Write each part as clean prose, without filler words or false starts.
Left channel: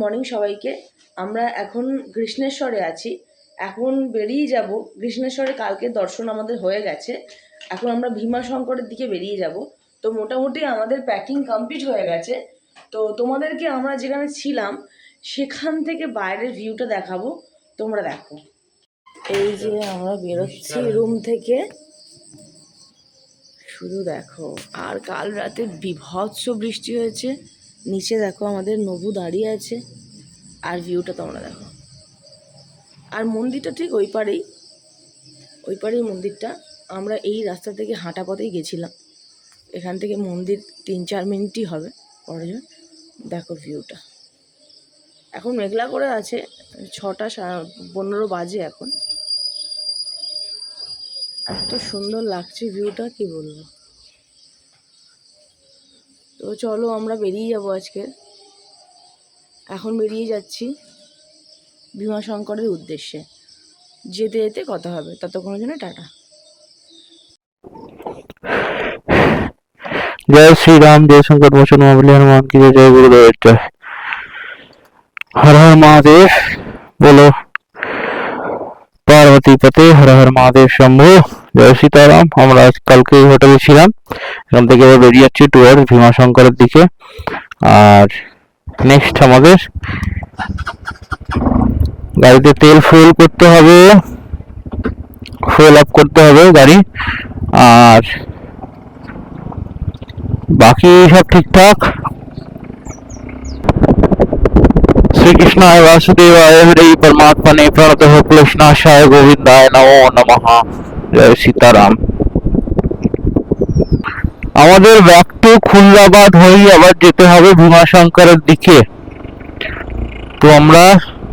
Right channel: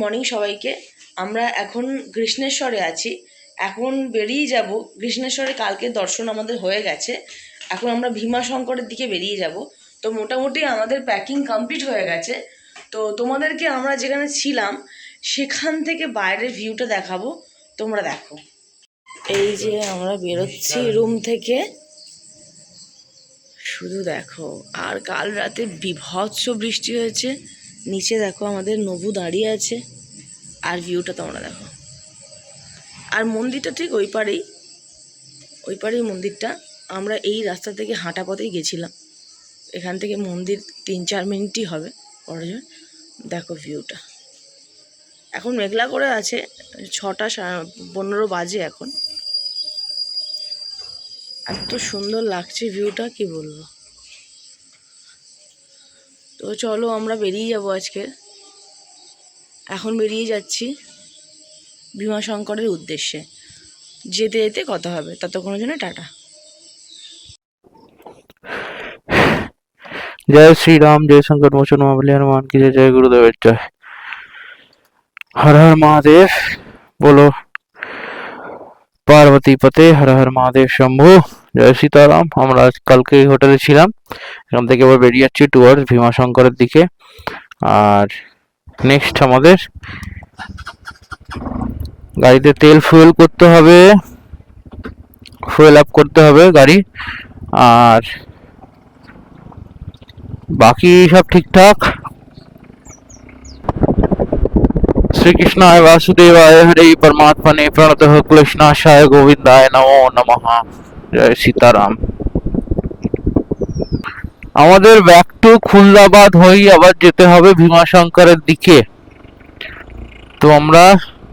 Morning সবাইকে। আমরা এখন কৃষ্ণেশ্বরে আছি, এখন বেরিয়ে যাব। কৃষ্ণেশ্বরে কালকে দর্শন আমাদের হয়ে গেছে, এখন আমরা ভীমাশঙ্করের দিকে বেরিয়ে যাব। তো মোটামুটি আমাদের প্যাকিং কমপ্লিট হয়ে গেছে। তো তোমাদেরকে আমরা যেখানে ছিলাম সেখান থেকে বাইরের ভিউটা দেখাবো, তোমরা দেখো। এই যে আমরা বেরোচ্ছি রুম থেকে, শুধু দেখো। আর কাল রাতে বিভৎস বৃষ্টি হয়েছে। নিচে দেখো আমাদের নবু দাঁড়িয়ে আছে, আর ভিউটা তোমরা দেখো। আর মন্দিরটা ঠিক ওই পারেই মন্দিরটা। আমরা এই রাস্তা থেকে হাঁটা পথেই গেছিলাম, এখান থেকে মন্দির 3-4 মিনিটই হবে পরে। দেখো ভিউটা। এখন মেঘলা করে আছে, 6:15 বাজে এখন। এত সুন্দর লাগছে ভিউটা, কি বলবো। তো চলো আমরা বেরিয়ে যাব আজকে, এখন বেরিয়ে যাচ্ছি ভীমাশঙ্করের উদ্দেশ্যে। যেতে যেতে কথা হবে, ততক্ষণের জন্য টাটা। जय श्री राम, जय शंकर मोचन महाबली हनुमान की जय। जय गुरुदेव जय। हर हर महादेव बोलो, पार्वती पते हर हर महादेव शंभु। जय सीताराम। আমরা আজ কালকে হোটেলে ছিলাম, এখান থেকে এবার বেরিয়ে যাচ্ছি টুয়ার্ড ভীমাশঙ্করের দিকে। আর নেক্সট আমাদের গাড়িতে তেল ফুয়েল করতে হবে, ফুয়েল আপ করতে হবে গাড়ি। আর बाकी सब ठीक ठाक। श्री कृष्णाय वासुदेवाय हरे परमात्मने प्रणतः क्लेशनाशाय गोविंदाय नमो नमः। जय सीताराम। আমাদের ব্যাক টু খুলনাবাদ হয়ে আবার যেতে হবে ভীমাশঙ্করের দিকে। তো আমরা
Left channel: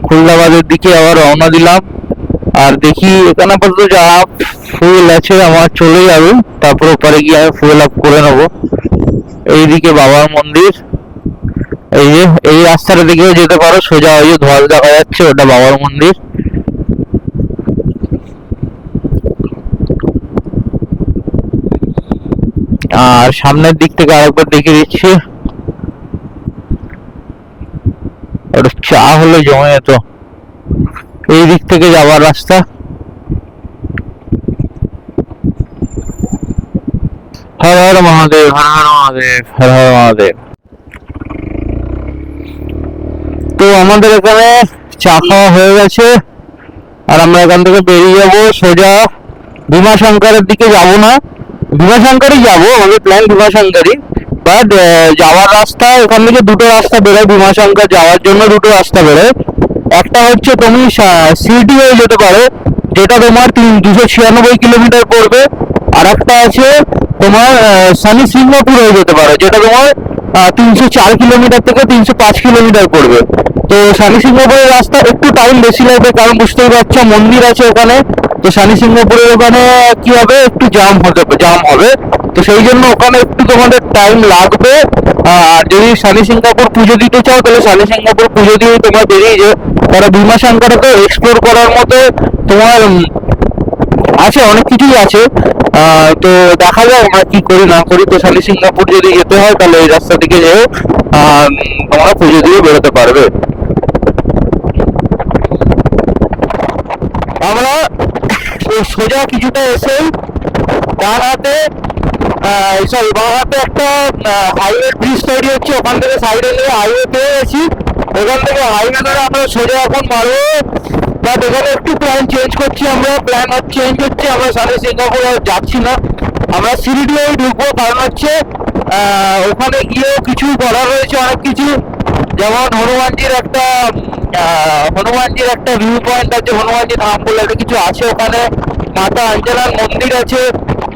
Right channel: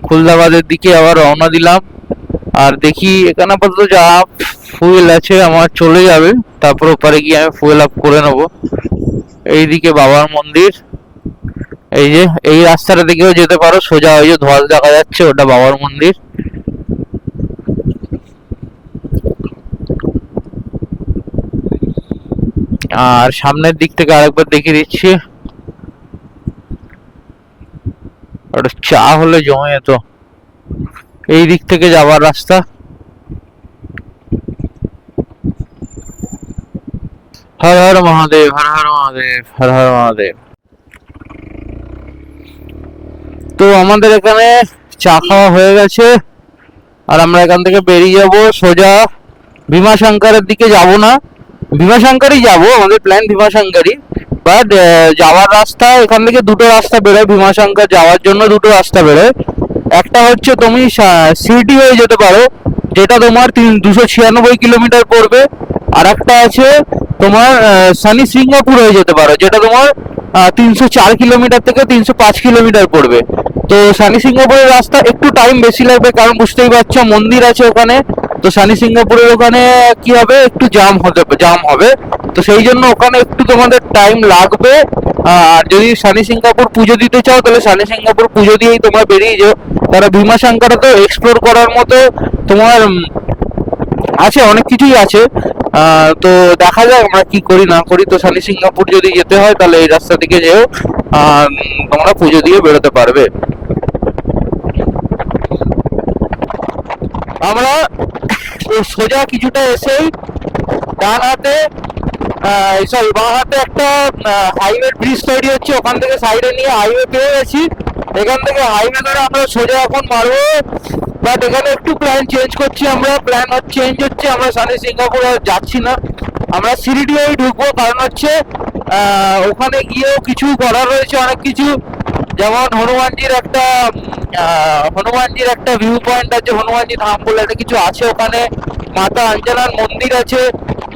খুলনাবাদের দিকে আবার রওনা দিলাম। আর দেখি এখানে আপাতত যা ফুয়েল আছে আমার চলে যাবে, তারপর ওপারে গিয়ে আমি ফুয়েল আপ করে নেবো। এইদিকে বাবার মন্দির, এই যে এই রাস্তার দিকেও যেতে পারো, সোজা ওই যে ধোয়াল দেখা যাচ্ছে, ওটা বাবার মন্দির। আর সামনের দিক থেকে আরেকবার দেখে দিচ্ছি, ওটা চা হলে জমে যেত। এই দিক থেকে যাওয়ার রাস্তা। হর হর মহাদেব, হর হর মহাদেব, হর হর মহাদেব। তো আমাদের এখানে চা খাওয়া হয়ে গেছে, আর আমরা এখান থেকে বেরিয়ে যাবো সোজা ভীমাশঙ্করের দিকে। যাব না, ভীমাশঙ্করই যাবো, আমাদের প্ল্যান ভীমাশঙ্করই। বাট যাওয়ার রাস্তা এখান থেকে দুটো রাস্তা বেরোয়, ভীমাশঙ্কর যাওয়ার জন্য দুটো রাস্তা বেরোয়। একটা হচ্ছে তুমি সিটি হয়ে যেতে পারো, যেটা তোমার 296 কিলোমিটার পড়বে। আর একটা আছে তোমার শনি সিংহপুর হয়ে যেতে পারো, যেটা তোমার 304 কিলোমিটার থেকে 305 কিলোমিটার পড়বে। তো শনি সিংহপুরের রাস্তা একটু টাইম বেশি লাগবে, কারণ বুঝতেই পারছো মন্দির আছে ওখানে। তো শনি সিংহপুরের ওখানে কি হবে, একটু জাম হবে। তো সেই জন্য ওখানে একটু তোমাদের টাইম লাগবে। আর যদি শনি সিংহপুর পুজো দিতে চাও, তাহলে শনি সিংহপুর পুজো দিয়ে তোমরা বেরিয়ে যাও। কারণ ভীমাশঙ্করকে এক্সপ্লোর করার মতো তোমার আছে, অনেক কিছুই আছে। তো দেখা যাক আমরা কি করি না করি। তো শনি সিংহপুর যদি যেতে হয় তাহলে এই রাস্তা দিকে যেও, তোমরা পুজো দিয়ে বেরোতে পারবে। আমরা সোজা কিছুটা এসে বাঁ হাতে একটা হাইওয়ে ব্রিজ তৈরি হচ্ছে, ওখান থেকে সাইডে নিয়ে হাইওয়ে পেয়ে গেছি। এখান থেকে হাইওয়ে ধরে আমরা সোজা এখন মারবো। বাট এখানে একটু প্ল্যান চেঞ্জ করছি আমরা, প্ল্যান চেঞ্জ হচ্ছে। আমরা শনি সিংহপুর আর যাচ্ছি না, আমরা সিরিডি ঢুকবো। কারণ হচ্ছে ওখানে গিয়েও কিছু করার রয়েছে, অনেক কিছু। যেমন হনুমানজির একটা ভিউ পয়েন্ট আছে, হনুমানজি ধাম বলে একটা কিছু আছে ওখানে। মাতা অঞ্জনার মন্দির আছে,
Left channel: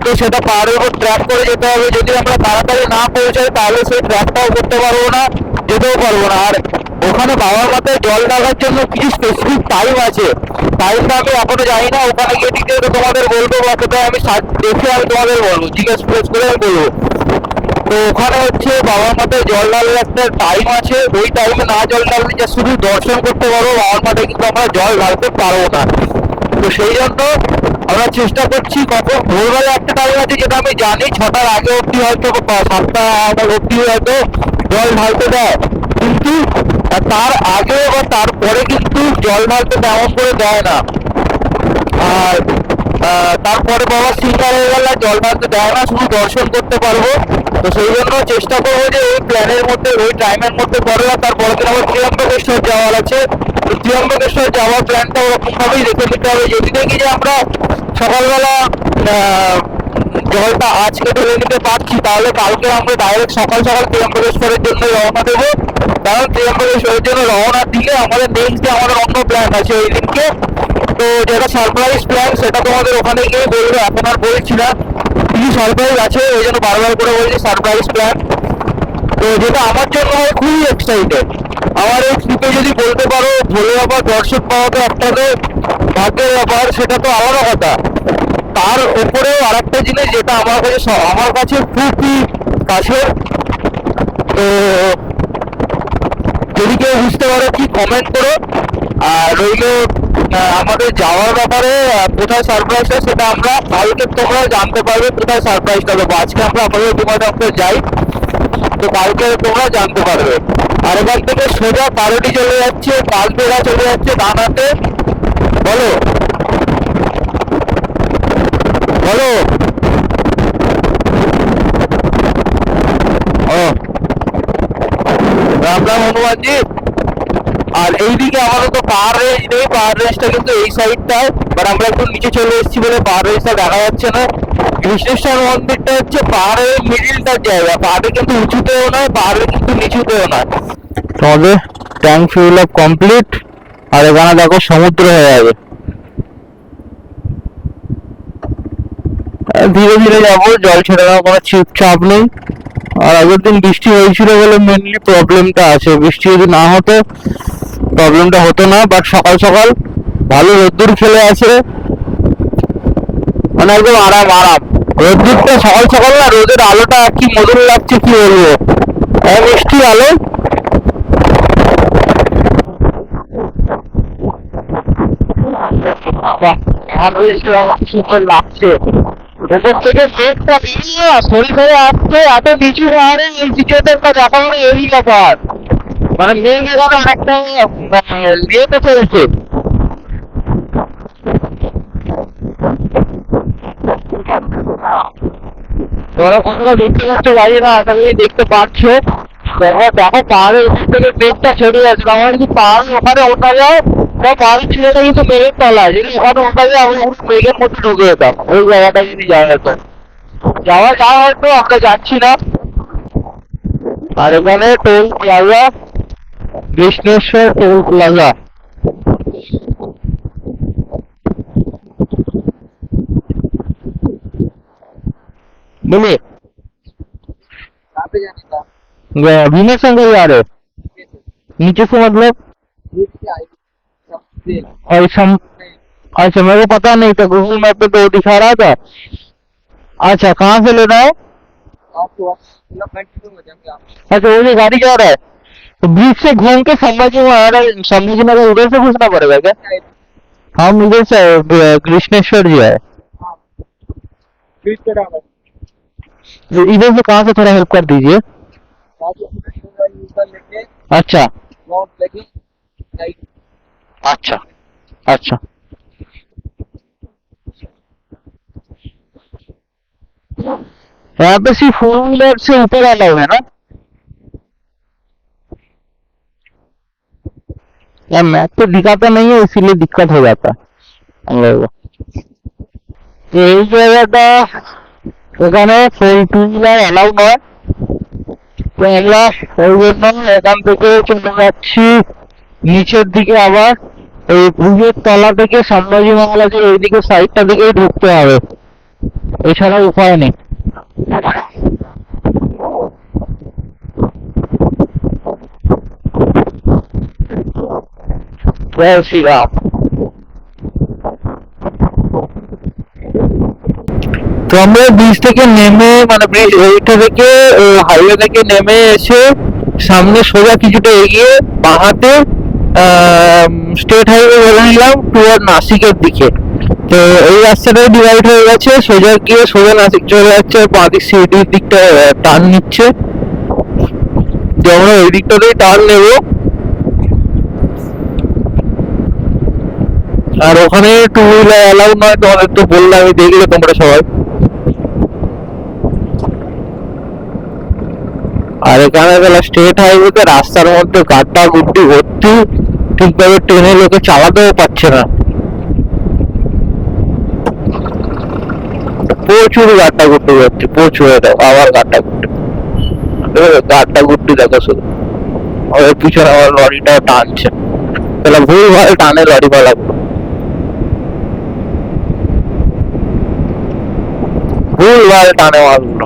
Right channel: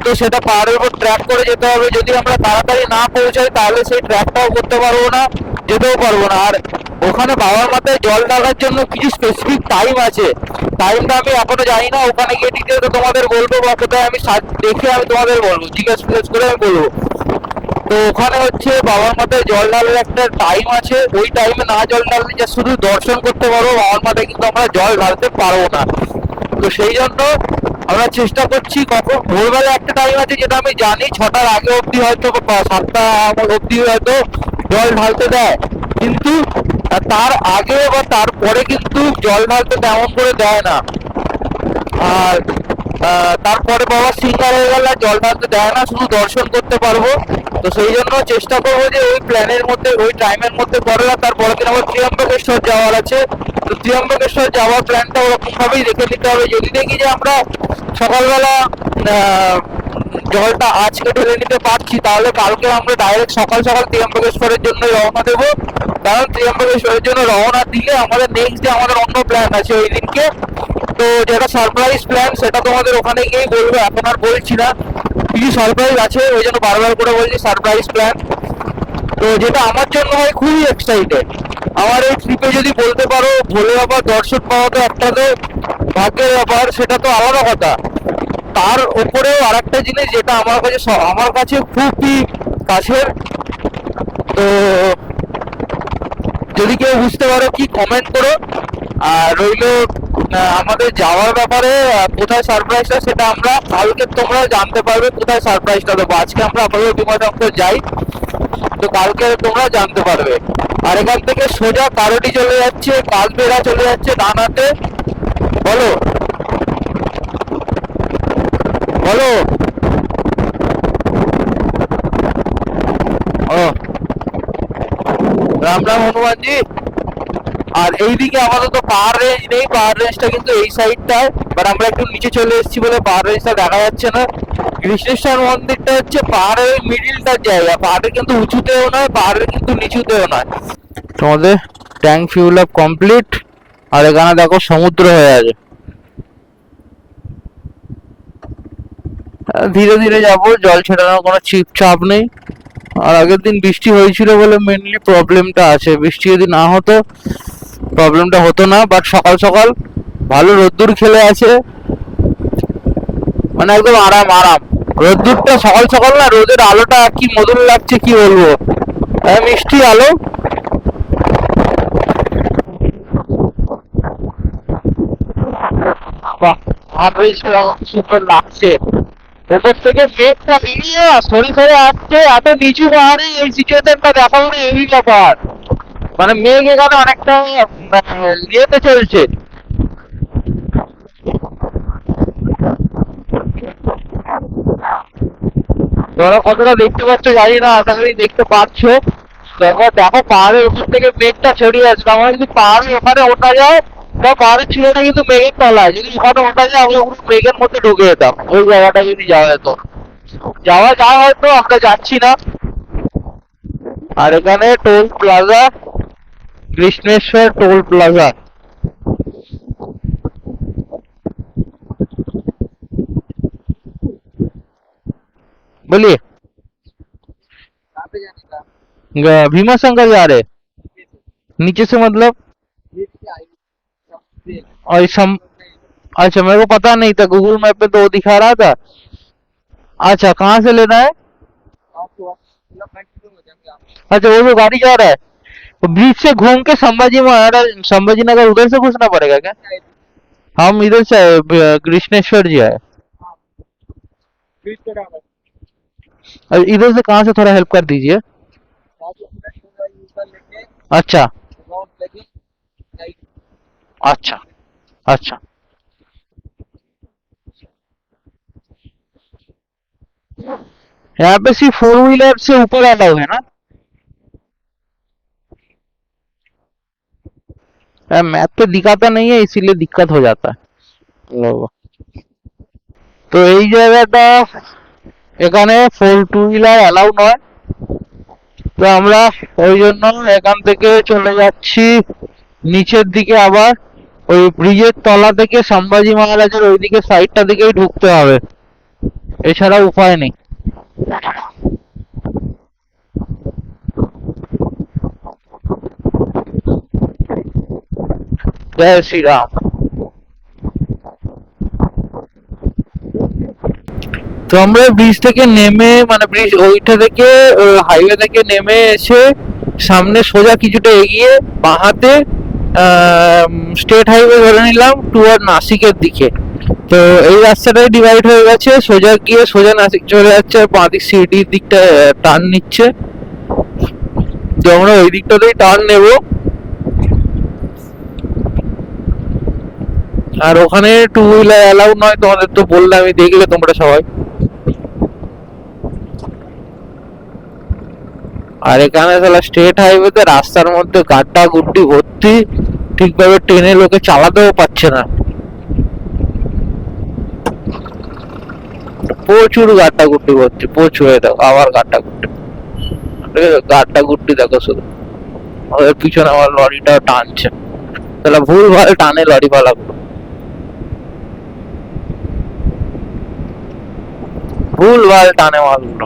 তো সেটা পাহাড়ের উপর ট্র্যাক করে যেতে হবে। যদি আমরা তাড়াতাড়ি না পৌঁছাই তাহলে সেই ট্র্যাকটাও করতে পারবো না, যেতেও পারবো না। আর ওখানে বাবার মাথায় জল ঢালার জন্য কিছু স্পেসিফিক টাইম আছে, টাইমটা আমি এখনো জানি না। ওখানে গিয়ে ডিটেলস তোমাদের বলবো, বা কোথায় আমি দেখে আমি তোমাদের বলবো, জিজ্ঞেস করে আমি বলবো। তো ওখানে হচ্ছে বাবার মাথায় জল ঢালার একটা টাইম আছে, ওই টাইমে না জল ঢাললে যে শুধু দর্শন করতে পারবো, বাবার মাথায় কিন্তু আমরা জল ঢালতে পারবো না। তো সেই জন্য আমরা চেষ্টা করছি। কখন ভোরবেলা একটা টাইম আছে, যেটা আমি জানি 6টার আগে অব্দি হয়তো 7টা অব্দি হয়তো জল ঢালতে দেয়, কিন্তু আর তার আগে বা তারপরে কিন্তু জল ঢালতে তেমন করে দেয় না। আর তারপরে বাবা সিঙ্গার হয়ে গেলে জল ঢালতে দেয় না, শুধু দর্শন করতে পারবো। তো সেই জন্য চেষ্টা করবো যে ওই প্ল্যানের মধ্যে, ওই টাইমের মধ্যে করে। তারপরে দিন আমার ত্রিয়ম্বকেশ্বর যাওয়ার আছে। তো ত্রিয়ম্বকেশ্বর যাওয়ার প্ল্যানটা ওরকম ভাবেই রেখে নিতে হবে। যদি দেখি যে আমরা সকালবেলা জলটা আজকে ঢেলে নিতে পারছি, তাহলে কালকে আমরা ডাইরেক্ট সকাল সকাল ত্রিয়ম্বকেশ্বরের জন্য রওনা দেবো। কারণ ত্রিয়ম্বকেশ্বরের জন্য রওনা দিলে আমাদের নেক্সট ডে আমাদের অন্য প্ল্যান আছে ওই দিনকে। তো যেটা সারপ্রাইজ প্ল্যান সেটা তোমাদের ওখানে গিয়ে বলবো, এখন আর বলছি না। কিছু সারপ্রাইজ আছে, ওই জন্য বারবার করে বলছি সারপ্রাইজ প্ল্যান। তো যেটা আমার জন্য হয় খুবই এক্সাইটেড। আমার এই ট্রিপে যদি বলতে পারো ভোলে বাবার দর্শন পাওয়া তো একটা যে ভাগ্যের ব্যাপার, সেটা তো আলাদা কথা। তার উপরেও আরেকটা জিনিস যেটা আমার কাছে খুবই কাছের। তো যদি কেউ বুঝতে পারো কি কমেন্ট করো। আর রইলো আমাদের যাওয়ার ব্যাপারে কোথায় সারপ্রাইজটা, সেটা আমরা কালকে তোমরা জানতে পারবে কোথায় সারপ্রাইজটা দেবো। আজকে আমরা আপাতত বিমানবন্দর যাই, তো কালকে তোমরা জানতে পারবে। আর এখান থেকে সোজা কারোটি চলে যাচ্ছে, কালবেড়া চলে যাচ্ছে ডানাতে। বলো বলো। রাম রাম হনুমানজি। আর এইদিকে আমাদের তো পাহাড় রেঞ্জ নেই, পাহাড় রেঞ্জটা কিন্তু এই সাইডটা। বাট আমরা একটু নিচে চলে এসেছি বলে পাহাড় রেঞ্জটা দেখা যাচ্ছে না। কৃষ্ণেশ্বর মন্দিরটা হচ্ছে পাহাড়ের মিডিলটার জায়গা, পাহাড়ে কিন্তু উঁচুতেও না, পাহাড়ে কিন্তু নিচুতেও না। তোমাদের ট্যাঙ্ক ফিউল আপ কমপ্লিট। আর এখানে দেখো সমুদ্র হয়ে যাবে। ধীরে ধীরে যাবো, জল ছেড়ে দেওয়ার কোনো চাপ নেই। আর আগের দিন বৃষ্টি হয়েছিল বলে মেনলি প্রবলেমটা আছে। বৃষ্টি যদি না হতো প্রবলেমটা হতো না। বাট সকাল সকাল ভালো রোদ্দুর খেলে আছে, মানে একদম আরাম আরাম। রোদ্দুরটা সকাল সকাল না, রোদের আলোটা কি মধুর লাগছে কি বলবো, মিষ্টি আলো। সুন্দর লাগছে। উপর থেকে মেঘটা বেরিয়ে শরীর খারে আসছে, এত নিচু পাহাড়ে এই সিচুয়েশনটা দেখা মানে এই ব্যাপার। মানে মেঘ এখানে অনেকটা ইয়েতে চলেছে। তোমরা কতটা দেখতে পাচ্ছ জানি না, আশা করি দেখতে পাচ্ছ। দেখো দেখো পাহাড়ের উপর থেকে মেঘটা ছড়িয়ে আছে। আমার যদি পাহাড়ের ওখানে ওঠা যায়, বা পাহাড়ের চূড়াটা কিন্তু মেঘের তলায়, যদি ওখানে ওঠা যায় আমরা মেঘের মধ্যে ঢুকে যেতাম। ওই জায়গাটা যদি যাওয়া যেত, যাওয়া যায় হয়তো, আমরা যাচ্ছি না। আর এখানে toll plaza, Krishneshwar toll plaza. बोलिए। भीमा शंकर जा रहे हो? नीचे से मतलब? और अच्छा, मेरे को पता नहीं था, गूगल मैप पे तो दिखा रहा था। अच्छा, कहाँ से ले रहा है? अच्छा, वो जो गाड़ी जा रहा है तो बीच से घूम के संभाजी नगर उधर से घुसना पड़ेगा क्या? हम इधर से कृष्णेश्वर जी है। इधर से कहाँ से थोड़ा हेल्प कर दीजिए। अच्छा अच्छा अच्छा। यहाँ पे सिर्फ 4 व्हीलर से ऊपर अलाउ है ना? मैप तो दिखाता नहीं है, इसीलिए दिक्कत हो जाता है हम लोगों को। तो यही জায়গাটা এখানে 4 व्हीलर অ্যালাউ নয়। তো আমরা ওই জন্য এখান থেকে চলে যাচ্ছি নিচের দিকে। আবার ওই ব্রিজের তলা থেকে সম্ভাজি মহারাজের ওইদিকে সাইডটা থেকেই ঢুকতে হবে, এছাড়া উপায় নেই। জয় শ্রীরাম। তো আমরা ব্রিজ থেকে নেমে, মানে ব্রিজ ওইটা থেকে হাইওয়ে থেকে নেমে এসে সামনে সোজা কিছুটা এগিয়ে বাঁহাতে স্টেট হাইওয়ে ধরে নিলাম টুয়ার্ড নাসিকের দিকে। তো এই রাস্তাটা ডিভাইড হয়ে গেছে, সোজা গিয়ে সোজা নাসিক চলে যাচ্ছে, আর বাঁ দিক সিটির দিকটা টার্ন নিচ্ছে। তো আমরা ওই দিকটাতেই টার্ন নেবো। আর ওখানে টু হুইলার অ্যালাউ নয়, তোমাদের তো বললে, আমি দেখলে তোমরা সবাই। আর এখানে গেল স্টেট হাইওয়েতে রাস্তার মধ্যে গাড্ডা গুড্ডি ভর্তি, ঠিকভাবে ট্রেনে লোকে চালাতেও পারছে না, প্রচুর গাড্ডা গুড্ডি ভর্তি, প্রচুর। আবার গাড্ডা গুড্ডি, গাড্ডা গুড্ডি দেখো শুধু। ওদের পিছনে আমার লরিটা টানছে, তাহলে ভুল ভাল টানে লরি ভাড়া, ভুল ভাল টানে মালগুলো।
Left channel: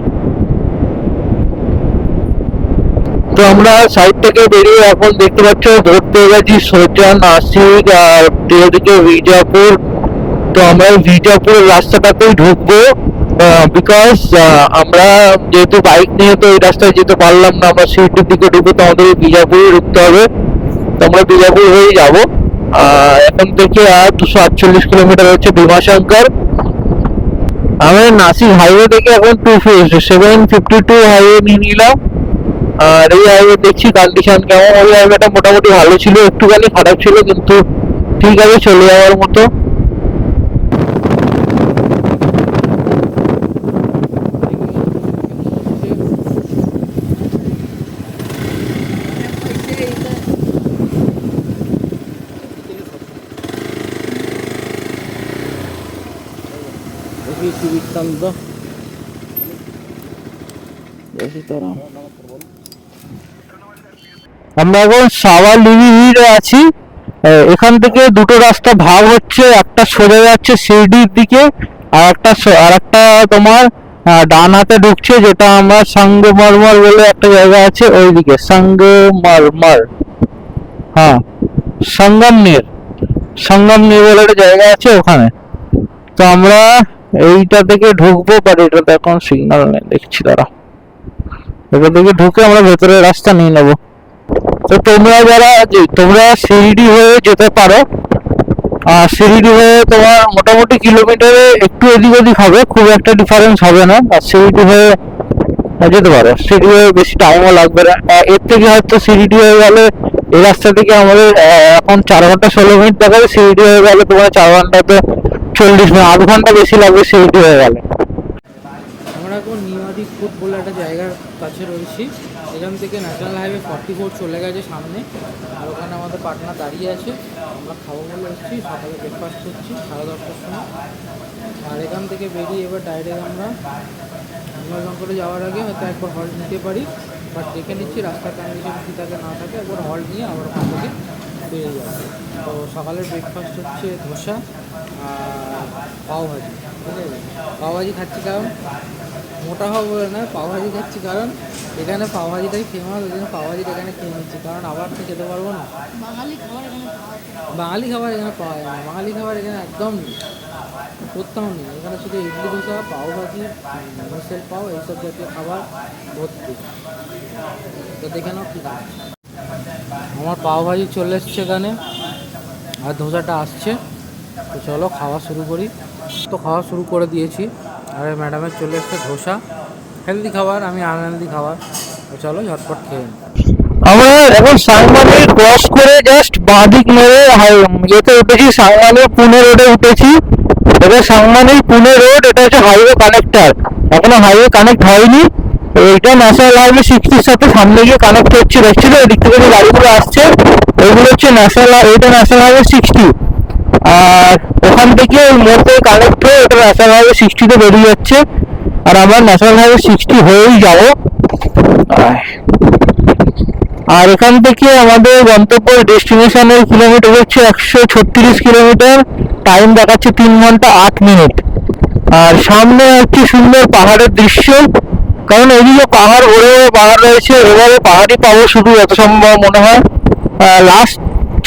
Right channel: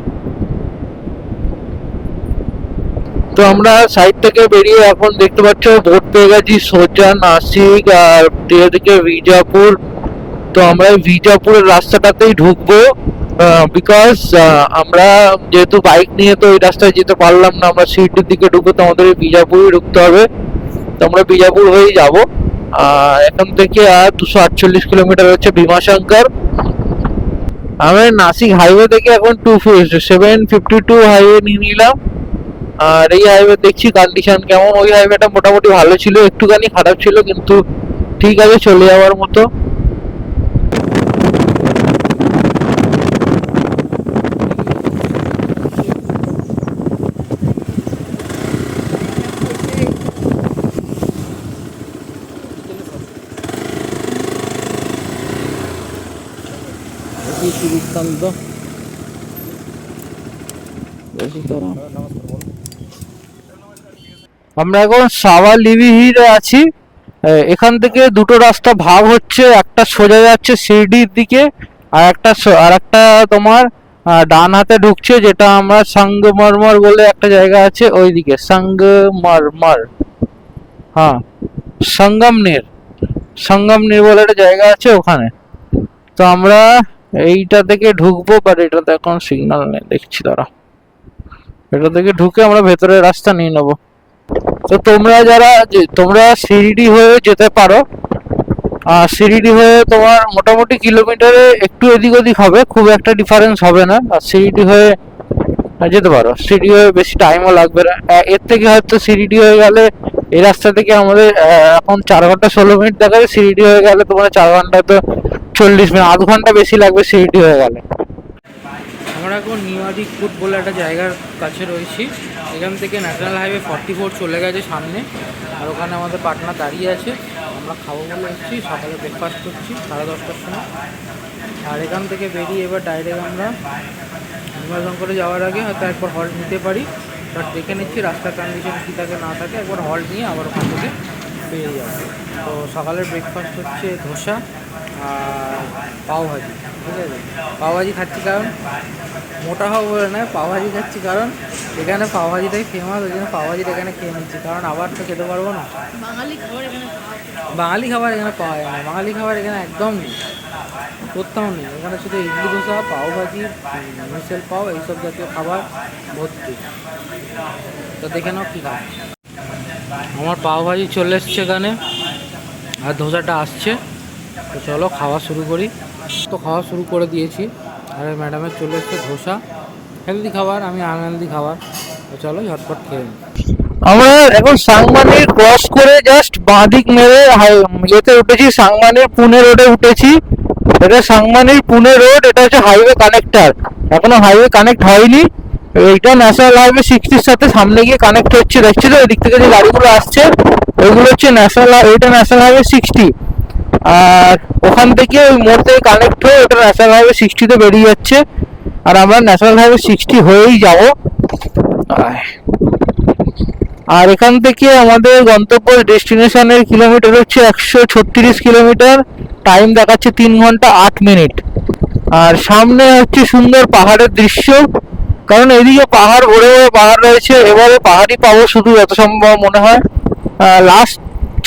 তো আমরা সাইড থেকে বেরিয়ে এখন দেখতে পাচ্ছ রোড পেয়ে গেছি সোজা নাসিক আর দিকে বিজাপুর। তো আমরা বিজাপুরের রাস্তাটাতেই ঢুকবো, বিকজ আমরা যেহেতু বাইক নিয়ে তো এই রাস্তায় যেতে পারলাম না, আমরা সিটির দিকে ঢুকবো, তো আমাদের বিজাপুরে ঢুকতে হবে। তো আমরা বিজাপুর হয়ে যাবো। এখান থেকে আর 248 কিলোমিটার হচ্ছে ভীমাশঙ্কর। আমি নাসিক হাইওয়ে থেকে এখন 752 হাইওয়ে নিয়ে নিলাম। আর এই হাইওয়ে দেখছি কন্ডিশন কেমন। ওই হাইওয়েটা মোটামুটি ভালো ছিল, একটুখানি খারাপ ছিল, কিন্তু ঠিক আছে, চলে যাওয়ার মতো। আমরা এখন সাওয়ালিভিরে আছি। এখান থেকে দুটো রাস্তা ভাগ হচ্ছে, একটা সোজা যাচ্ছে শিরডির দিকে, আর একটা তোমার ডান হাতে ঢুকছে, যেটা আমরা সঙ্গমরমর বলে একটা জায়গা আছে ওইদিকে, সঙ্গমরমর, হ্যাঁ সঙ্গমনীর বলে একটা জায়গা আছে ওখানে। তো আমরা এইটা থেকে ঢুকবো, বাট এটাতে এখন সিগন্যাল নেই দেখছি, দাঁড়া, এটা থেকে ঢুকে আমরা ভেতরের রাস্তা নিয়ে নেবো। তো তোমরা শিরডি হয়ে যেতে পারো, আর শিরডি হয়ে তোমার মোটামুটি কিলোমিটারে একটু এদিক ওদিক হবে, খুব একটা ডিফারেন্স হবে না। আর শিরডি হয়ে যেতে পারো, শিরডি হয়ে বেশি টাইমও লাগবে না। এর থেকে হয়তো শিরডি হয়ে গেলে, এই রাস্তা থেকে আমাদের এখন 4 ঘন্টা 16 মিনিট দেখাবে, শিরডি হয়ে গেলে তোমার 4 ঘন্টা তো 40 মিনিট, আধ ঘন্টা বেশি লাগবে শিরডি হয়ে গেলে। আমরা এখন নিউয়াদি ফুড বলে একটা জায়গার কাছে রয়েছি। এখান থেকে ন্যাশনাল হাইওয়ে 44 চলে গেছে সামনে, আর ওখানে আমাদের পার্টনার দাঁড়িয়ে আছে। আমরা খাবো বলে এসেছি, সকালে ব্রেকফাস্ট করছি 10:30টার সময়। আর এখান থেকে বেরিয়ে এবার ডাইরেক্ট আমরা ভীমাশঙ্করে যাওয়ার আগে হয়তো একবার হল্ট নিতে পারি, বাট দেখে নিচ্ছি রাস্তার কন্ডিশন কী থাকে না থাকে, একবার হল্ট নিয়ে আবার ওখান থেকে বেরিয়ে যাবো। তো সকালের ব্রেকফাস্ট হচ্ছে ধোসা আর পাওভাজি, ঠিক আছে। পাওভাজি খাচ্ছি কারণ মোটা হওয়া বলে নয়, পাওভাজি খাচ্ছি কারণ এখানে পাওভাজিটাই ফেমাস, ওই জন্য পাওভাজিটা এখানে খেয়ে নিচ্ছি, কারণ আবার তো খেতে পারবো না। বাঙালি খাবার এখানে পাওয়া যায় না, বাঙালি খাবার এখানে একদম নেই, কোথাও নেই। এখানে শুধু ইডলি ধোসা, পাওভাজি, মিসেল পাও, এইসব জাতীয় খাবার ভর্তি। তো দেখে নাও কী খাবার। আমার পাওভাজি চলে এসছে এখানে, আর ধোসাটা আসছে। তো চলো খাওয়া শুরু করি। তো খাওয়া শুরু করে দিয়েছি, আর ম্যাডামের চলে এসছে ধোসা, হেলদি খাবার, আমি আনহেলদি খাবার। তো চলো ঝটপট খেয়ে নিই। আমরা এখন সাংমানি ক্রস করে জাস্ট বাঁদিক মেরে যেতে উঠেছি, সাংমানি পুনে রোডে উঠেছি। এটা সাংমানি পুনে রোড, এটা হচ্ছে হাইওয়ে কানেক্টার, এখনো হাইওয়ে কানেক্ট হয়নি। এইটা ন্যাশনাল হাইওয়ে 60 সাথে সামনে গিয়ে কানেক্ট হচ্ছে, দেখছি তো এদিক থেকে যে গাড়িগুলো আসছে এগুলো হচ্ছে ন্যাশনাল হাইওয়ে 60। আর ওখান থেকে মোড় থেকে কানেক্ট হয়ে এটা ন্যাশনাল হাইওয়ে 60-তে বেরিয়ে যাচ্ছে, আর আমরা ন্যাশনাল হাইওয়ে 60 হয়েই যাবো। আর এখান থেকে আমাদের গন্তব্য ডেস্টিনেশনের কিলোমিটার হচ্ছে 136 কিলোমিটার, টাইম দেখাচ্ছে 3 ঘন্টা 8 মিনিট। আর সামনে হচ্ছে সুন্দর পাহাড়ের দৃশ্য, কারণ এদিকে পাহাড় ভরে পাহাড় রয়েছে, এভাবে পাহাড়ই পাবো শুধু, যত সম্ভব মনে হয়। লাস্ট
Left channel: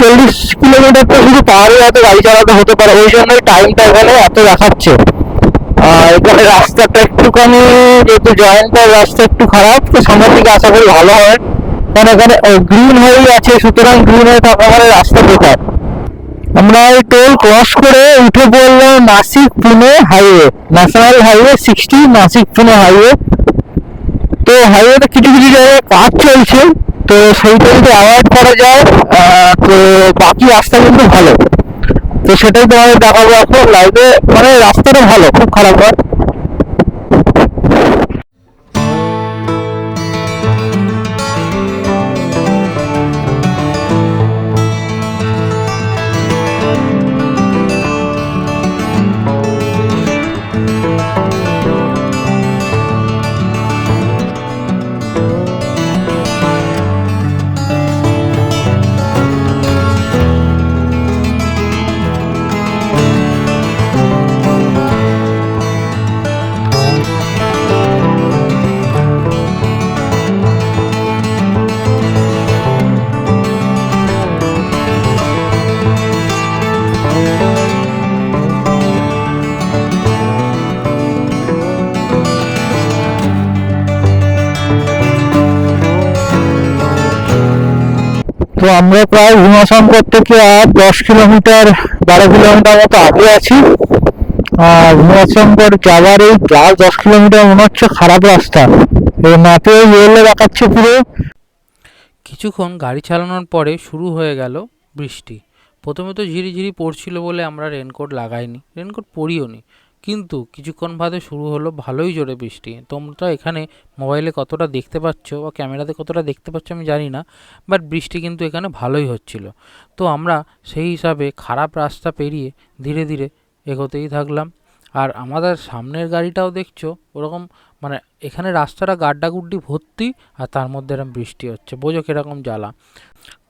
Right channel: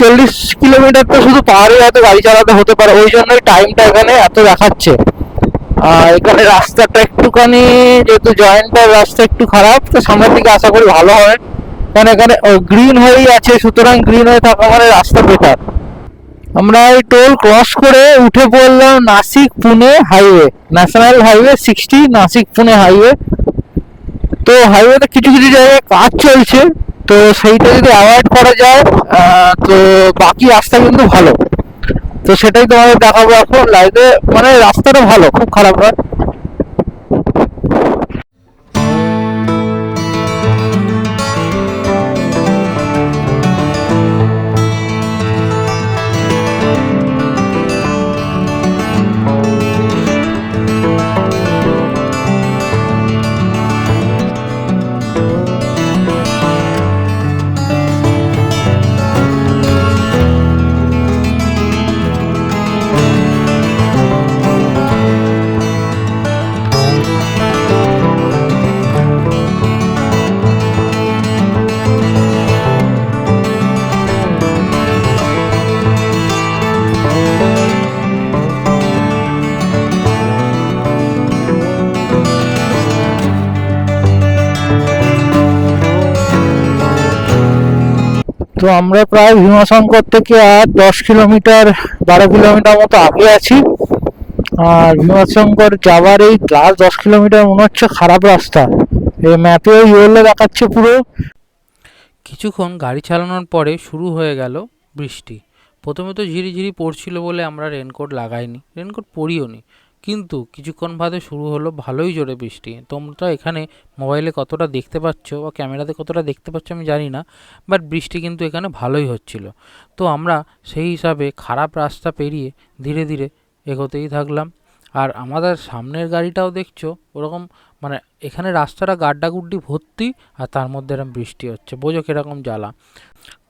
40 কিলোমিটার তো শুধু পাহাড়ে হয়তো গাড়ি চালাতে হতে পারে, ওই জন্যই টাইমটা এখানে এত দেখাচ্ছে। এখানে রাস্তাটা একটুখানি, যেহেতু জয়েন্টার রাস্তা একটু খারাপ, তো সামনের দিকে আশা করি ভালো হয়, কারণ এখানে গ্রিন হয়ে আছে, সুতরাং গ্রিন হয়ে থাকা মানে রাস্তা বেকার। আমরা এই টোল ক্রস করে উঠে পড়লাম Nashik Pune highway, national highway 60 Nashik Pune highway. তো হাইওয়েতে কিছু কিছু জায়গায় কাজ চলছে, তো সেইটা যদি অ্যাভয়েড করা যায় তো বাকি রাস্তা কিন্তু ভালো। তো সেটাই তোমাদের দেখাবো এখন লাইভে। মানে রাস্তাটা ভালো, খুব খারাপ নয়। তো আমরা প্রায় ভীমাশঙ্কর থেকে আর 10 কিলোমিটার 12 কিলোমিটার মতো আগে আছি। আর ভীমাশঙ্কর যাওয়ার এই 10 কিলোমিটার মনে হচ্ছে খারাপ রাস্তা, এই ম্যাপে ইয়েলো দেখাচ্ছে পুরো। কিছুক্ষণ গাড়ি চালানোর পরে শুরু হয়ে গেল বৃষ্টি। প্রথমে তো ঝিরিঝিরি পড়ছিল বলে আমরা রেনকোট লাগাইনি, রেনকোট পরিও নি, কিন্তু কিছুক্ষণ বাদে শুরু হলো ভালোই জোরে বৃষ্টি। তোমরা এখানে মোবাইলে কতটা দেখতে পাচ্ছ বা ক্যামেরাতে কতটা দেখতে পাচ্ছ আমি জানি না, বাট বৃষ্টি কিন্তু এখানে ভালোই হচ্ছিল। তো আমরা সেই হিসাবে খারাপ রাস্তা পেরিয়ে ধীরে ধীরে এগোতেই থাকলাম। আর আমাদের সামনের গাড়িটাও দেখছো ওরকম, মানে এখানে রাস্তাটা গাড্ডাগুড্ডি ভর্তি, আর তার মধ্যে এরকম বৃষ্টি হচ্ছে, বোঝো কীরকম জ্বালা।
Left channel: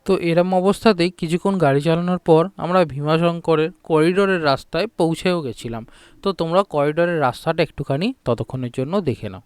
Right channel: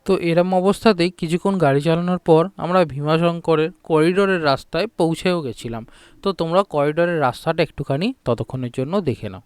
তো এরম অবস্থাতেই কিছুক্ষণ গাড়ি চালানোর পর আমরা ভীমাশঙ্করের করিডোরের রাস্তায় পৌঁছেও গেছিলাম। তো তোমরা করিডোরের রাস্তাটা একটুখানি ততক্ষণের জন্য দেখে নাও।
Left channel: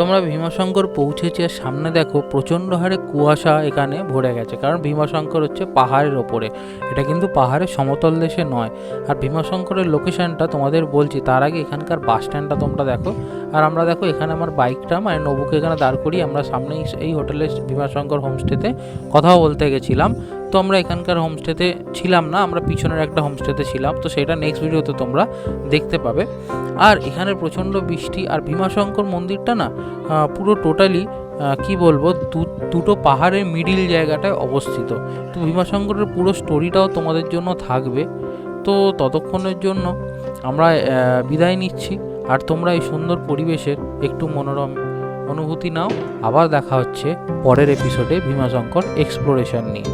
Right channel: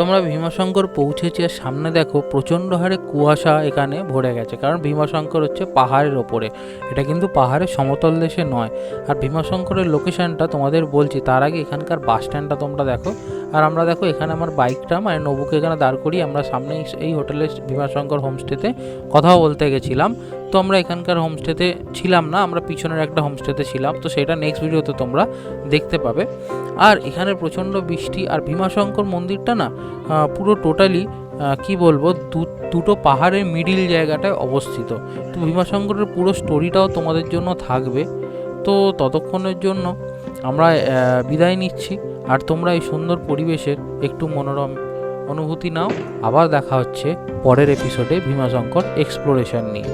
তোমরা ভীমাশঙ্কর পৌঁছেছি আর সামনে দেখো প্রচণ্ড হারে কুয়াশা এখানে ভরে গেছে, কারণ ভীমাশঙ্কর হচ্ছে পাহাড়ের ওপরে, এটা কিন্তু পাহাড়ের সমতল দেশে নয়। আর ভীমাশঙ্করের লোকেশনটা তোমাদের বলছি, তার আগে এখানকার বাস স্ট্যান্ডটা তোমরা দেখো। আর আমরা দেখো এখানে আমার বাইকটা মানে নবুকে এখানে দাঁড় করি, আমরা সামনেই এই হোটেলে ভীমাশঙ্কর হোমস্টেতে কথাও বলতে গেছিলাম। তো আমরা এখানকার হোমস্টেতে ছিলাম না, আমরা পিছনের একটা হোমস্টেতে ছিলাম, তো সেটা নেক্সট ভিডিওতে তোমরা দেখতে পাবে। আর এখানে প্রচণ্ড বৃষ্টি, আর ভীমাশঙ্কর মন্দিরটা না পুরো টোটালি কি বলবো দুটো পাহাড়ের মিডিল জায়গাটায় অবস্থিত। তো ভীমাশঙ্করের পুরো স্টোরিটাও তোমাদের জন্য থাকবে। তো ততক্ষণের জন্য আমরা বিদায় নিচ্ছি, আর তোমরা এই সুন্দর পরিবেশের একটু মনোরম অনুভূতি নাও। আবার দেখা হচ্ছে পরের এপিসোডে ভীমাশঙ্কর এক্সপ্লোরেশন নিয়ে।